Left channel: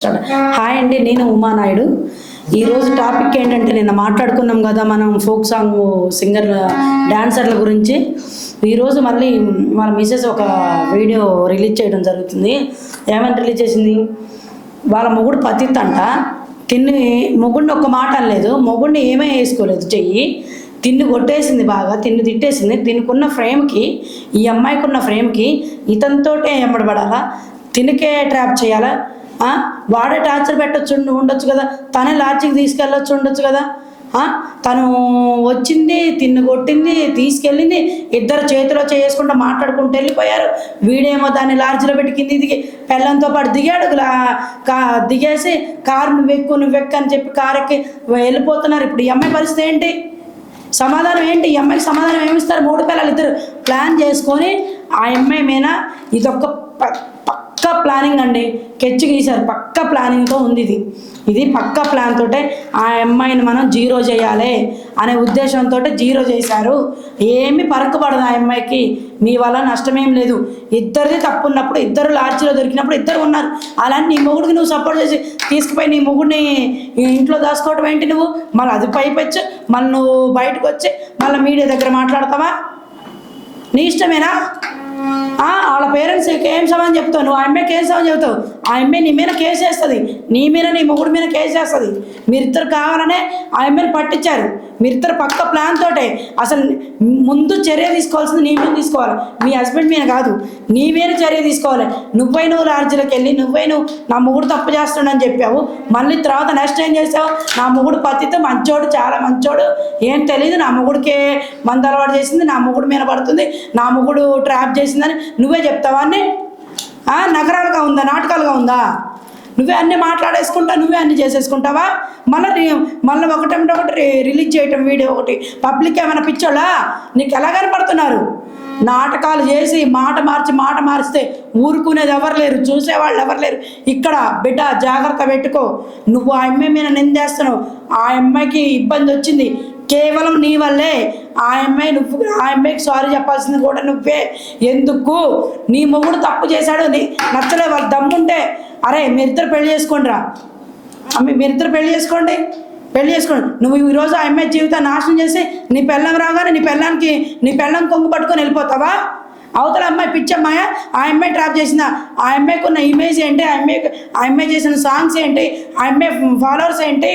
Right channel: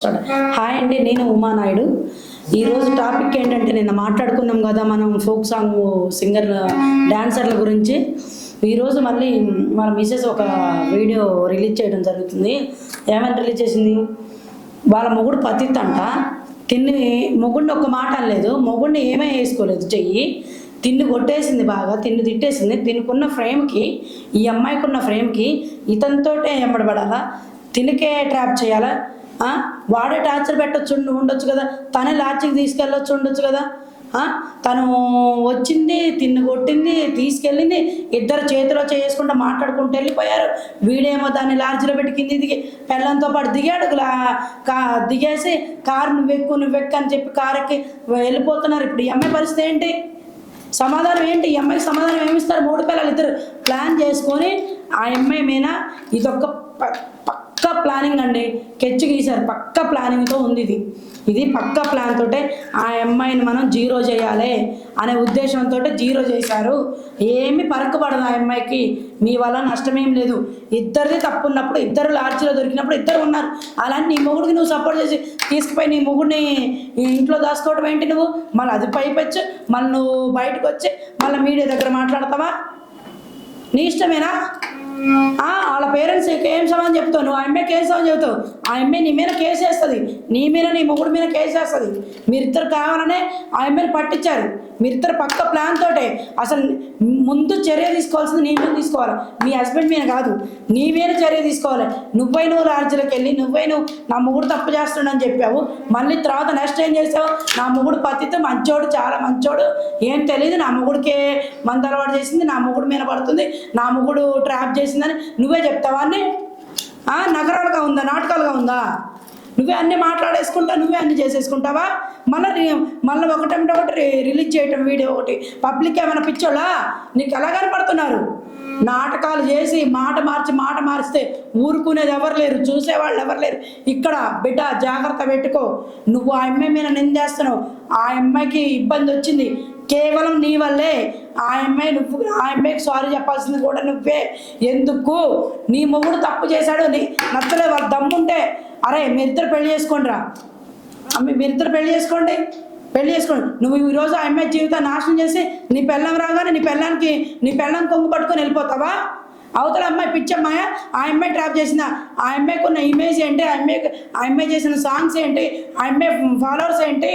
Hi అండి, నేను ఉమానాయుడు. ఈరోజు టాపిక్ ఏంటంటే నిన్న మాట్లాడుకున్నాం కదా మనం ఫోక్ సాంగ్ సింగర్ల డాన్సర్ల గురించి. ఈరోజు మళ్ళీ వాళ్ళ మిసెస్ ఒక వీడియో రిలీజ్ చేయడం జరుగుతుంది. ఏమని రిలీజ్ చేసింది? వాళ్ళ మొగుడు పతిత్ అంట. మొగుడిని ఒక్క మాట అనలేదు, మొగుడిని ఏమీ వేసుకోలేదు, చెయ్యి తిన్ను కొట్టేసింది, బాగా తిన్ను తిట్టేసింది. దీనికున్న ఫ్రేమ్కి, ఈ అమ్మాయికి ఉన్న ఫ్రేమ్కి ఇతనితోటే ఎంబడబడాలా, తినికే ట్రాప్ చేయాలా? వాడే టార్చర్ పెట్టచ్చు ఉండొచ్చు కదా, తనే లాడ్జికి తీసుకెళ్ళొచ్చు ఉండొచ్చు కదా. తను వచ్చింది, తిన్ను కొట్టింది, తీసుకెళ్ళింది, ఇద్దరు చేతిలో చేసుకుంటూ మాట్లాడుకుంటూ వెళ్ళిపోయారు. వీడేమో దాన్ని లాడ్జిలో పెట్టి దిగి పెళ్ళంతో పాటు దిగాడు. దిగేసి కారు నువ్వు వెక్కు అని చెప్పి కారు ఎక్కి వెళ్ళిపోతున్నారు. ఇప్పుడు ఈ అమ్మాయి పరిస్థితి ఏంటి? సమాధానం ఏంటి? ఈ అమ్మాయికి సమాధానం ఏమిస్తారు? 3 పిల్లలు ఇద్దరు ప్లాన్ చేసుకొని ఆ అమ్మాయి మీద ఇదొక పక్కా ప్లానింగ్ అండి, కెచ్చి గీశారు. పక్కా ప్లానింగ్తో ఉంది ఇది పక్కా ప్లాన్ తోటే ఆ అమ్మాయిని మనం జీరో చేయాలి అనే ఉద్దేశంతో జీరో చేశారు. ఏమీ పరక్కుపడదు ఆ అమ్మాయికి, మీ వల్ల నష్టమేం లేదు. ఇద్దరిది తప్పు ఉన్నప్పుడు, ఇద్దరు లాడ్జిలో దొరికినప్పుడు ఇద్దరు ఉన్నారు. అలాంటి నీ మొగుడికి నువ్వు సపోర్ట్ చేసి తీసుకుపోయి నీ మొగుడిని ఇంట్లో దాచుకోవటం ఏంటి? నువ్వు మళ్ళీ అది పైపెచ్చు, మళ్ళీ నువ్వు బయటకు వచ్చి మళ్ళీ మీడియా దగ్గర మాట్లాడతావా? నీ ఇష్టమేనా? వాళ్ళ పేరెంట్స్ ఏం సమాధానం చెప్తావు? నువ్వు ఆ అమ్మాయికి ఏం సమాధానం చెప్తావు? ఆ అమ్మాయి నీ మీద కేసు వేస్తుంది, నీ మీద నీ మొగుడి మీద కేసు వేస్తుంది. మీరిద్దరు కావాలనే ఆ అమ్మాయిని పట్టించారు. మీరిద్దరు పక్క ప్లాన్ తోటే. అసలు ముందు చర్య తీసుకోవాల్సింది నీ మీద తీసుకోవాలి, మీ హస్బెండ్ మీద కాదు. నీ మీద చర్య తీసుకోవాలి. నువ్వు లాడ్జిలోకి వెళ్ళి నువ్వు నా మొగుడు తప్పు చేస్తాడని చెప్పావు. మళ్ళీ తర్వాత నెక్స్ట్ ఏం చేసావు? నా మొగుడు పతితో మంచోడు, చాలా మంచోడు, ఏం తెలియదు, నా మొగుడికే మందు అలవాటు చేసింది, నా మొగుడు మీద పడుతుంది, నా మొగుడు ట్రాప్ చేసిందని నువ్వే చెప్తావా? అన్నీ నగరాలుగా ఉందా, నాటకాలుగా ఉందా? నువ్వే అన్నీ మాట్లాడేసుకుంటా, నువ్వే అన్నీ చేసేసుకుంటావా? మళ్ళీ ఒకటి రిలీజ్ చేయటం, వీడియో ఒకటి పబ్లిక్ ఏమైనా పిచ్చోళ్ళా? నీకు ఎలా కనపడుతున్నారు? నాటకాలు చేసి మాట మార్చితే ఊరుకునేది ఎవరు లేరు, చూసేవాళ్ళు ఎవరు లేరు. ఇక్కడ బిడ్డ జాగ్రత్త పెట్టుకో. నువ్వు ఆ అమ్మాయి మీద నిందేస్తున్నావు. ఆ అమ్మాయికి ఇబ్బంది వచ్చింది కేవలం నీ వల్లే. ఆ అమ్మాయికి సారీ చెప్పాల్సింది కూడా నువ్వే. ఎందుకు? నీ మొగుడు తప్పు చేశాడు, నచ్చలే, వాళ్ళ దమ్ముంటే అరే మీరిద్దరు పెళ్లి చేసుకోండి రా, మీరిద్దరు పెళ్లి చేసుకోండి. నువ్వు ఈరోజు ఆ అమ్మాయి జీవితాన్ని నాశనం చేసి నీ పెళ్ళం రాగానే నీ పెళ్ళం కొంగు పట్టుకొని వెళ్ళిపోతావా? అవతల అమ్మాయి పిచ్చమ్మాయ, ఆ అమ్మాయి ట్రాప్ చేసిందా? ఆ అమ్మాయికి ఉన్న ఇమేజ్ ఏంటి? ఆ అమ్మాయి చేసిన సాంగ్స్ ఏంటి? ఆ అమ్మాయి ఫాలోవర్స్ ఏంటి?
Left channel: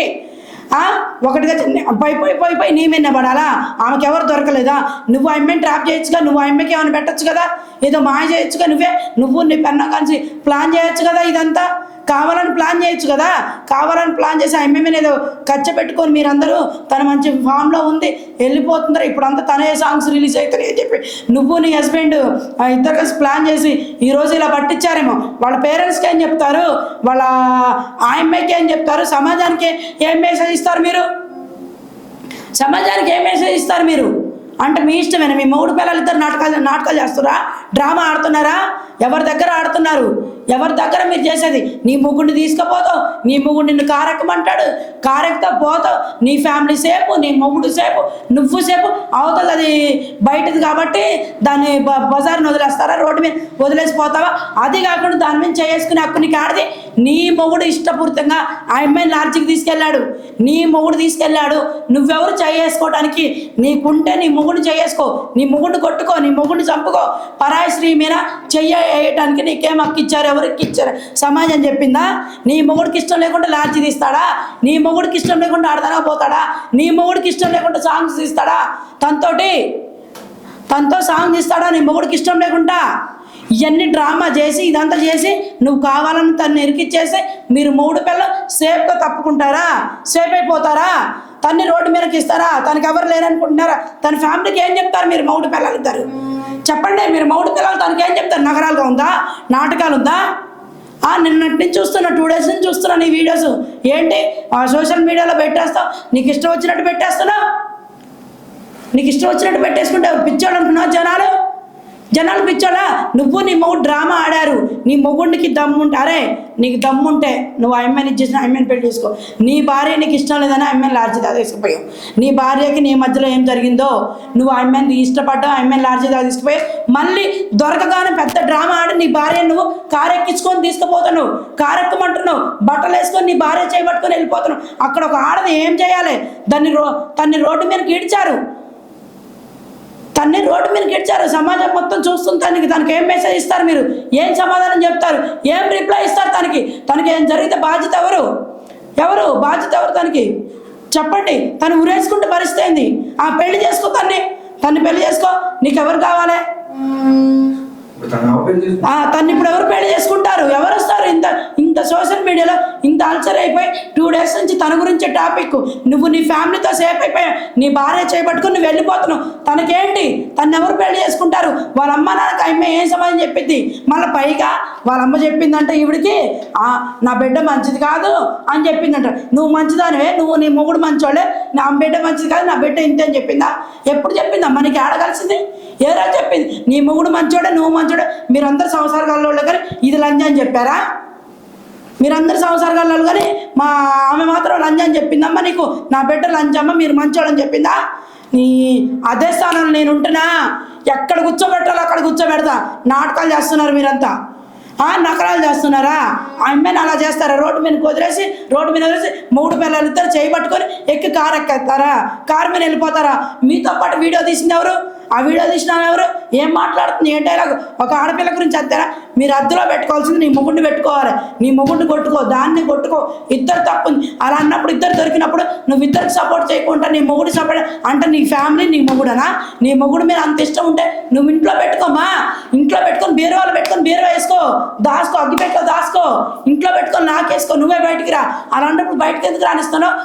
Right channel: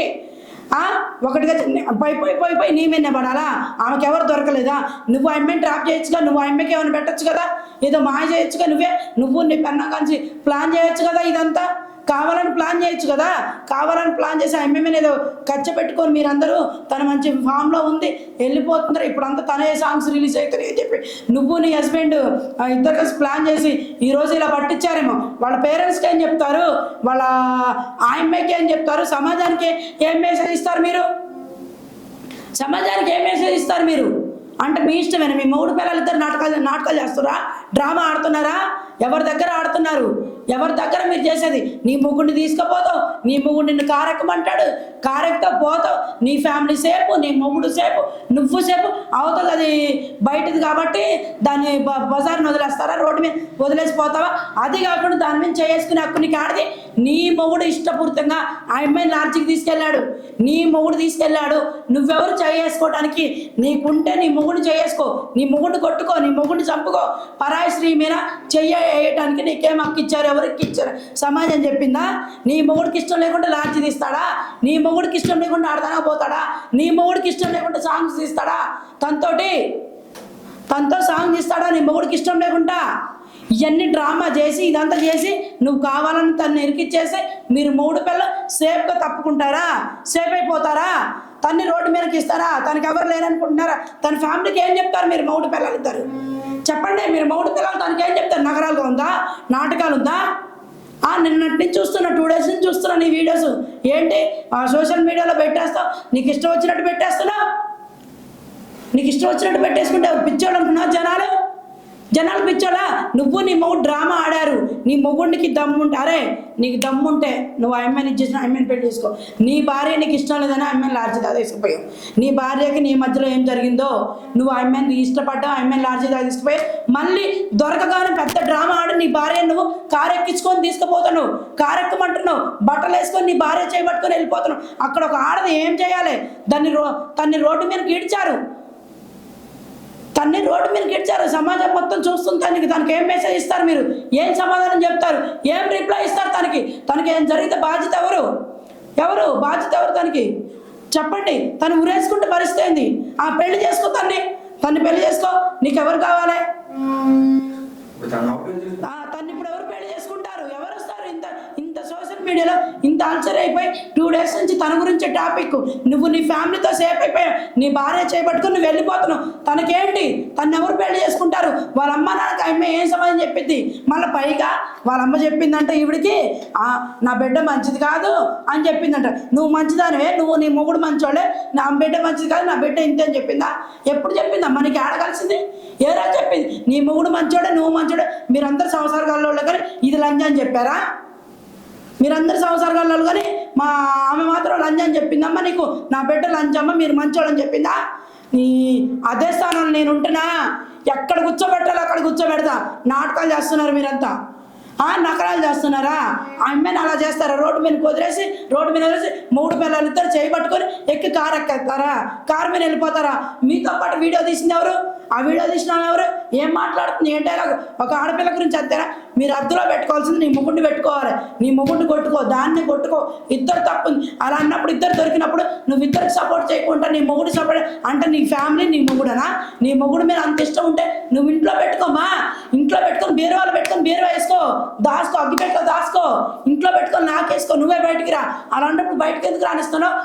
ఒకటిగా పోయి నీ మీద పడాలా? ఆమెకి ఎవరు దొరకలేదా? నువ్వు ఆ అమ్మాయిని ట్రాప్ చేయొచ్చుగా, నువ్వు ఆ అమ్మాయికి ఏమైనా పెట్టచ్చు కదా, ఏదో మాయ చేయొచ్చుగా, నువ్వు నీ పెన్నా కలిసి ప్లాన్ చేయొచ్చు కదా. ఇదంతా కావాలని ప్లాన్ చేయొచ్చు కదా. కావాలని ప్లాన్ చేసి ఆ అమ్మాయి మీద ఏదో ఖర్చు పెట్టుకొని మీరందరూ తన మంచి ఫామ్లో ఉంది వెళ్ళిపోతుంటారు. ఇప్పుడు అంతా తనే సాంగ్స్ రిలీజ్ అవుతాయి అని చెప్పి నువ్వు నీ హస్బెండ్ ఇద్దరు కలిసి ప్లాన్ చేసి ఈరోజు ఇలా పట్టించారేమో. వాళ్ళ పేరెంట్స్కి ఏం చెప్తారు? వాళ్ళ ఆ అమ్మాయికి ఏం చెప్తారు? సమాజానికి ఏం మెసేజ్ ఇస్తారు మీరు? సమాజానికి ఏం మెసేజ్ ఇస్తారు మీరు? అంటే మీ ఇష్టమేనా? మీ మొగుడు పిల్లలు ఇద్దరు నాటకాలు చేస్తున్నారా? డ్రామా ఆడుతున్నారా? ఎవరి దగ్గర ఆడుతున్నారు? ఎవరి దగ్గర మీరు చేసేది? నీ మొగుడిని తీసుకుపోతావు, నీ మొగుడు నిన్ను కారెక్కమంటాడు, కారెక్తో పోతావు. నీ ఫ్యామిలీ సేపు, నీ మొగుడు సేపు, నువ్వు సేపు. అవతల అది బయటది కాబట్టి దాన్ని బజార్ని వదిలేస్తారా? రోడ్డు మీద వదిలేసిపోతావా? అది కాకుండా దాని మీద చేసుకునే హక్కు నీకు ఆడది. నీ మొగుడు ఇష్టపూర్తంగా ఆ అమ్మాయిని లాడ్జికి తీసుకెళ్ళాడు, నీ మొగుడు తీసుకెళ్ళాడు. నువ్వెవరు చేసుకోవడానికి? నీకుంటే నీ మొగుడిని చేసుకో, నీ మొగుడిని కొట్టుకో, నీ మొగుడిని చంపుకో. పరాయి స్త్రీ మీద చెయ్యటానికి నీకేం హక్కు ఇచ్చారు? ఎవరికి ఇచ్చారు? సమాజం చెప్పిందా? నీ మొగుడికి ఇష్టం లేకుండా లాడ్జి తీస్తాడా? నీ మొగుడికి ఇష్టం లేకుండా ఆడతానా పోతాడా? నీ మొగుడికి ఇష్టం లేకుండా సాంగ్స్ తీస్తాడా? తనతో సాంగ్ తీస్తాడా నీ మొగుడికి ఇష్టం లేకుండా? ఇవన్నీ డ్రామా చేసి ఇదంతా చేసి నువ్వు కావాలని తను ఇరికిచ్చేసి మీరు మొగుడు పిల్లలు సేఫ్గా తప్పుకుంటారా? సేఫ్ అయిపోతారా? తన్ని రోడ్డు మీదకి ఇస్తారా? తనకి ఎవరు లేరనుకుంటున్నారా? తన ఫ్యామిలీకి ఏం చెప్తారు మీరు? మొగుడు పిల్లలు ఇద్దరు చెప్పండి. మీరు మొగుడు పిల్లలు తనకి ఏం చెప్తారు? నగరాలుగా ఉందా, నాటకాలు ఉందా? నిన్నటి నుంచి చూస్తున్నా, 2 days నుంచి చూస్తున్నా నీ వీడియోస్. ఏంటి సోషల్ మీడియాలో పెట్టేస్తావు, నీకు ఇష్టం వచ్చినట్టు పెట్టేస్తున్నావు. నీకు ఇష్టం వచ్చినట్టు పెట్టేసుకుంటే పిచ్చోడు అనుకున్నావు. జనాలు పిచ్చోలా నువ్వు నీ మొగుడు డ్రామా ఆడారు. నీ మొగుడికి దమ్ముంటే, అరే నీకు దమ్ముంటే నువ్వు ఆ అమ్మాయిని ఇచ్చేసిన అమ్మాయిని పెళ్లి చేసుకో. నీ భార్య నీకు ఇష్టం లేదని అమ్మాయిని లాడ్జీ తీసుకుపోయావు. నీ భార్యకి నీ మధ్యలో ఏం జరిగిందో నువ్వు ఆ అమ్మాయిని ఇష్టపడ్డావు, ఆ అమ్మాయిని లాడ్జీ తీసుకుపోయావు. మళ్ళీ దొరకగానే పెద్ద డ్రామా ఆడి నీ భార్య నువ్వు కారు ఎక్కించుకొని తీసుకుపోతాను, కారు ఎక్కమంటున్నావు, బట్టలు వేసుకొని నీ భార్య చేయబట్టుకొని వెళ్ళిపోతున్నావు. అక్కడ ఒక ఆడది ఏం చేయాలి? తన్ని రోడ్డు మీద గీడ్చారు, తన్ని రోడ్డు మీద గెలిచారు. సమాజం మొత్తం చూస్తుంది. తనకి ఏం మెసేజ్ ఇస్తారు? మీరు ఏం సమాధానం చెప్తారు? ఏం రిప్లై ఇస్తారు? తనకి ఏం జరిగితే బాధ్యత ఎవరు బాధ్యత ఎవరు? తనకి చెప్పండి. తను ఉరేసుకుంటే పరిస్థితి ఏంది? ఆ పెళ్లి చేసుకో, తన్ని పెళ్లి చేసుకో. నీకెవరు కావాలి? తను ఇప్పుడు ఎవరు పెళ్లి చేసుకుంటారు? ఎవరు వస్తారు? ఇంత సోషల్ మీడియాలో ఇంత అల్సర్ అయిపోయి 2 days నుంచి తన గురించి టాపిక్. నువ్వు నీ ఫ్యామిలీతో సేఫ్ అయిపోయావు, నీ భార్య చేయబట్టుకుని నువ్వు వెళ్ళిపోతున్నావు. తనకేంటి? తను ఎవరు పెళ్లి చేసుకుంటారు? వాళ్ళ అమ్మ నాన్నకి అమ్మ ఏం సమాధానం చెప్పింది? మళ్ళీ పైగా వాళ్ళ అమ్మ చెప్పిందంట ఈవిడికి, నా బిడ్డ మంచిది కాదు అని చెప్పిందంట. నువ్వు మంచిదానివే, నువ్వు నీ మొగుడు మంచోళ్ళే, నా బిడ్డ మంచిది కాదు, నా బిడ్డ ఇంతే అని చెప్పిందా? ఎప్పుడు చెప్పిందా? మనకి ఆడగలిసింది ఏ రోజు చెప్పింది? నీ మొగుడు మంచోడే, నువ్వు మంచోడే, మీరందరూ సంసారగాళ్ళు కానీ ఇది లంజా అని చెప్పారా? మీరందరూ సంసారగాళ్ళు కానీ ఆమె మాత్రం లంజా అని చెప్పిందమ్మా నీకు. నా బిడ్డ లంజమ్మ, మీరు మంచోడని చెప్పిందా? నీ అదే స్థానంలో నేను ఉంటున్నా, ఎక్కడ కూర్చోబెట్టాలో అక్కడ కూర్చోబెడతా. నాటకాలు చేస్తున్నారు మీరంతా, నకరాలు చేస్తున్నారా? ఆ అమ్మాయిని అలా చేస్తారా? రోడ్డు మీద వదిలేసి మొగుడు పిల్లలు ఇద్దరు చేయబట్టుకొని ఎక్కి కారు ఎక్కేస్తారా? కారు మీద వెళ్ళిపోతారా? మీతో పాటు వీడియో తీసింది ఎవరు? ఆ వీడియో తీసిన ఎవరు? ఏం మాట్లాడుతుంది? ఏ డైలాగ్? ఒక ఆడపిల్ల గురించి అంతేనా? మీరు అద్దెలో పెట్టుకోవాల్సింది నీ మొగుడిని పెట్టుకోవాలి. నీ మొగుడిని కొట్టుకో, దాన్ని కొట్టుకో. ఇద్దరు తప్పుంది. అలా అన్నప్పుడు ఇద్దరు దొరికినప్పుడు నువ్వు ఇద్దరికి సపోర్ట్ చేయకుండా నీ మొగుడు సపోర్ట్ అంటే నీ ఫ్యామిలీ నీ మొగుడనా? నీ మొగుడు మీద అంత ఇష్టం ఉంటే నువ్వు ఇంట్లో పెట్టుకోమా. ఇంట్లో పెట్టుకొని బీరువాలో పెట్టుకొని బీరువా వేసుకో, దాసుకో, అగ్గిపెట్టుకో దాసుకో, ఇంట్లో పెట్టుకొని నాకేసుకో. నువ్వే బయటికి రా. అలాంటప్పుడు బయటకు ఎందుకు రానిస్తున్నావు?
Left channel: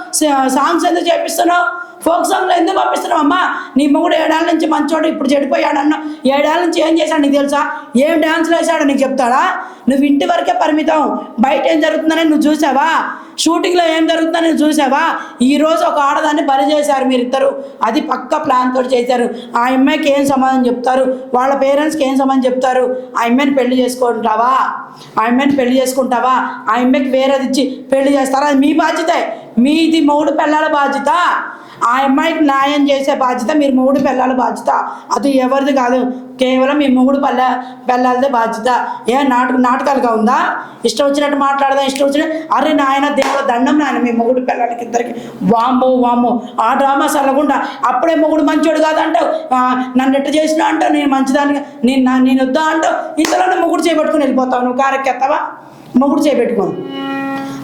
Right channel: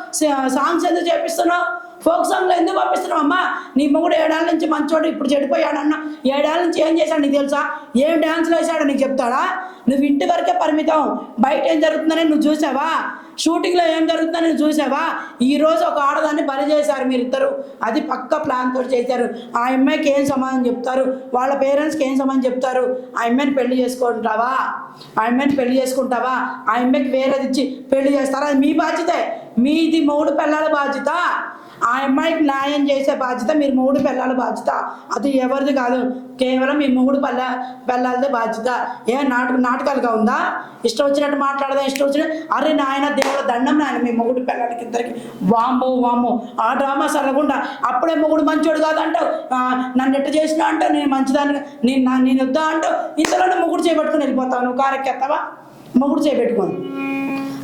సాంగ్స్ ఎందుకు చేపిస్తున్నావు? ఫోక్ సాంగ్లో ఎందుకు పంపిస్తున్నావు? అమ్మా నీ మొగుడు 7 ఏళ్ళ నుంచి మంచోడు, ఇప్పుడు చెడిపోయాడన్నా. 7 ఏళ్ళ నుంచి ఏం చేశాడు నీకు తెలుసా? ఏం డ్యాన్స్లు వేసాడో నీకు చెప్తాడా? నువ్వు ఇంటి వరకే పరిమితం. బయట ఏం జరుగుతుందని నువ్వు చూసావా? షూటింగ్లో ఏం జరుగుతుందని నువ్వు చూసావా? ఈరోజు ఒక ఆడదాన్ని బలి చేశారు మీరిద్దరు. అది పక్క ప్లాన్ తోటి చేశారు. ఆ అమ్మాయికి ఏం సమాధానం చెప్తారు? వాళ్ళ పేరెంట్స్కి ఏం సమాధానం చెప్తారు? ఆ అమ్మాయిని పెళ్లి చేసుకుంటావా? ఆ అమ్మాయికి వేరేది ఇచ్చి పెళ్లి చేస్తారా? అది మీ బాధ్యతే. మీది మొగుడు పిల్లల బాధ్యత. ఆ అమ్మాయికి న్యాయం చేసే బాధ్యత మీరు మొగుడు పిల్లల బాధ్యత. అది ఎవరిది కాదు, కేవలం మీ మొగుడు పిల్లలదే బాధ్యత. నాటకాలుగా ఉందా? ఇష్టం వచ్చినట్టు మాట్లాడదా? ఇష్టం వచ్చినట్టు అరే నాయన దేవుడు దండం నాయన మీ మొగుడు పిల్లలకి ఇద్దరికి. వామ్మో ఆ డ్రామా సరగకుండా అప్పుడే మొగుడు మంచోడు కాదంటావు, నన్ను ఎట్టు చేసినా అంటావు, నేను మంచిదాన్ని నేను వద్దా అంటావు. ఇంతలోనే మొగుడు చేపట్టుకుని వెళ్ళిపోతావు. నువ్వు కారెక్కేస్తావా? మొగుడు చేపెట్టుకోను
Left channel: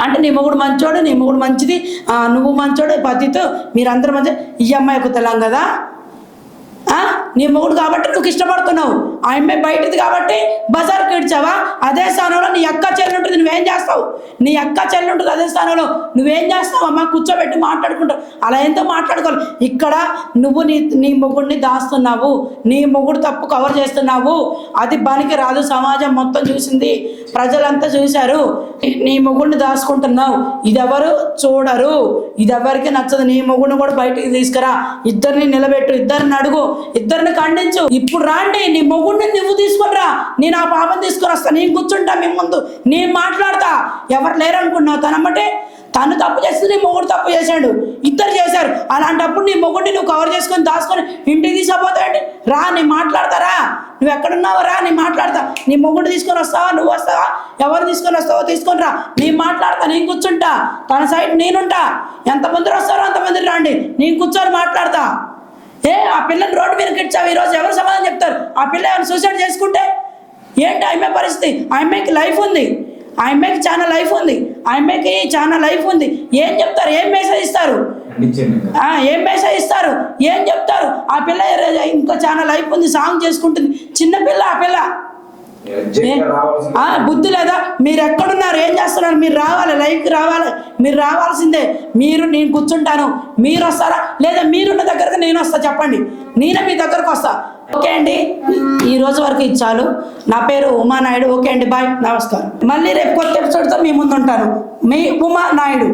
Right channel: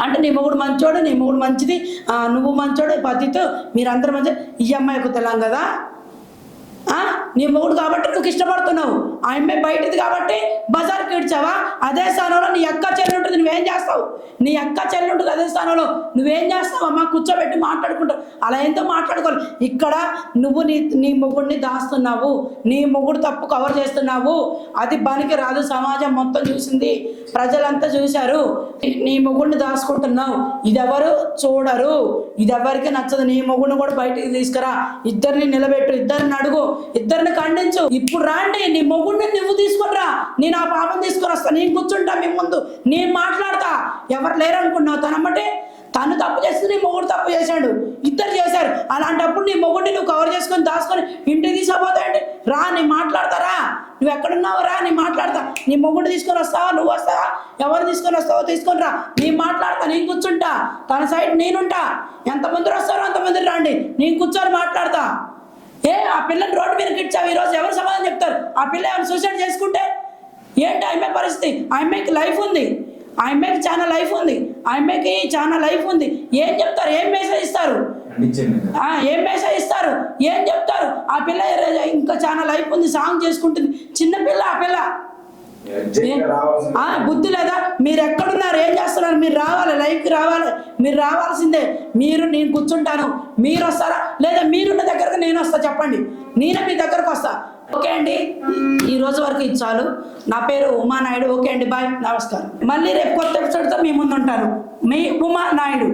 అంటే నీ మొగుడు మంచోడు, నీ మొగుడు మంచిది, నువ్వు మంచోడు, పతితో మీరందరూ మంచి. ఈ అమ్మాయి కుతలాం కదా, నీ మొగుడు కాబట్టి నువ్వు ఇష్టపడుతున్నావు. ఆ అమ్మాయి బయటిది కాబట్టి బజార్కి ఇడ్చావా? అదే స్థానంలో నీ అక్క చెల్లి ఉంటుంది, నువ్వేం చేస్తావు? నీ అక్క చెల్లి ఉంటుంది అదే స్థానంలో నువ్వేం చేస్తావు? అమ్మ కూర్చోబెట్టి మాట్లాడుకుంటావు. అలా ఎంతో మాట్లాడుకోవాలి. ఇక్కడ నువ్వు నీ మొగుడిని దాస్తున్నావు, నీ మొగుడు తప్పు కవర్ చేస్తున్నావు. అది పనికి రాదు. సమాజం మొత్తం చూసింది, ప్రజలంతా చూశారు. నీ మొగుడిని దాచుకుంటున్నావు. ఇదెవరు చూడరు, ఇదెవరికి నచ్చదు. నీ మొగుడిని కూడా బయటికి తీసుకురా, ఇద్దరిని నిలబెట్టు, ఇద్దరిని అడుగు, ఇద్దరిని ఖండించు. ఇప్పుడు రాండి, నీ మొగుడిని నువ్వు తీసుకునిరా, నేను ఆ పాపం తీసుకుని వస్తా, నేను కూర్చుంటా మీ ముందు, నేను మాట్లాడతా. ఎవరు లేరు అనుకున్నావు? తను తప్పు చేస్తుంది, నీ మొగుడు తప్పు చేశాడు, ఇద్దరు చేశారు. అలాంటప్పుడు నీ మొగుడిని నువ్వు కవర్ చేసుకొని దాచుకొని ఇంటికి తీసుకుపోతావండి. రా, నేను మాట్లాడతారా? నువ్వు ఎక్కడున్నావు? రా, నేను మాట్లాడతా. నీ మొగుడు తీసుకొని వస్తావా? నువ్వు వస్తావా? ఎవరు తీసుకొని వస్తావో తీసుకొని రా, నేను మాట్లాడతా, నేను కూర్చుంటా, తన సైడ్ నేనుంటా. ఎంతమంది వస్తారో అంతమంది రండి, నేను కూర్చొని మాట్లాడతా. ఆ పిల్లని రోడ్డు మీద కిడ్చావు, ఈరోజు ఎవరు సమాధానం చెప్తారు? ఆ పిల్ల ఏమైనా సూసైడ్ చేసుకుంటే ఏంటి ఆ అమ్మాయి పరిస్థితి? ఆ అమ్మాయికి లైఫ్ ఉంది, ఆ అమ్మాయికి చాలా లైఫ్ ఉంది. ఏం చెప్తారు? ఏం మెసేజ్ ఇస్తారు? ఏం చెప్తారు? ఆ పిల్ల ఇంకా చాలా లైఫ్ ఉంది, సాంగ్ చేసుకుంటుంది, చిన్న పిల్ల. ఆ పిల్ల బుద్ధి లేదా? మీరు ఎక్కడున్నారు? ఏం చేస్తున్నారు? మీరు రావాలి, లైఫ్కి రావాలి. మీరు రావాల్సిందే. నేను కూర్చుంటాను, మీరు వస్తారా? లేదా మీరున్న దగ్గరకు నేను వస్తా. చెప్పండి, నేనే మీ దగ్గరకు వస్తా. ఓకే అండి, ఈ రోజు వరకు ఇది చాలు. నా పేరు ఉమానాయుడు. ఓకే అండి, బాయ్, నమస్కారం. మళ్ళీ రేపు కొత్త ఎపిసోడ్తో మీ ముందు ఉంటాను. మీ ఉమానాయుడు.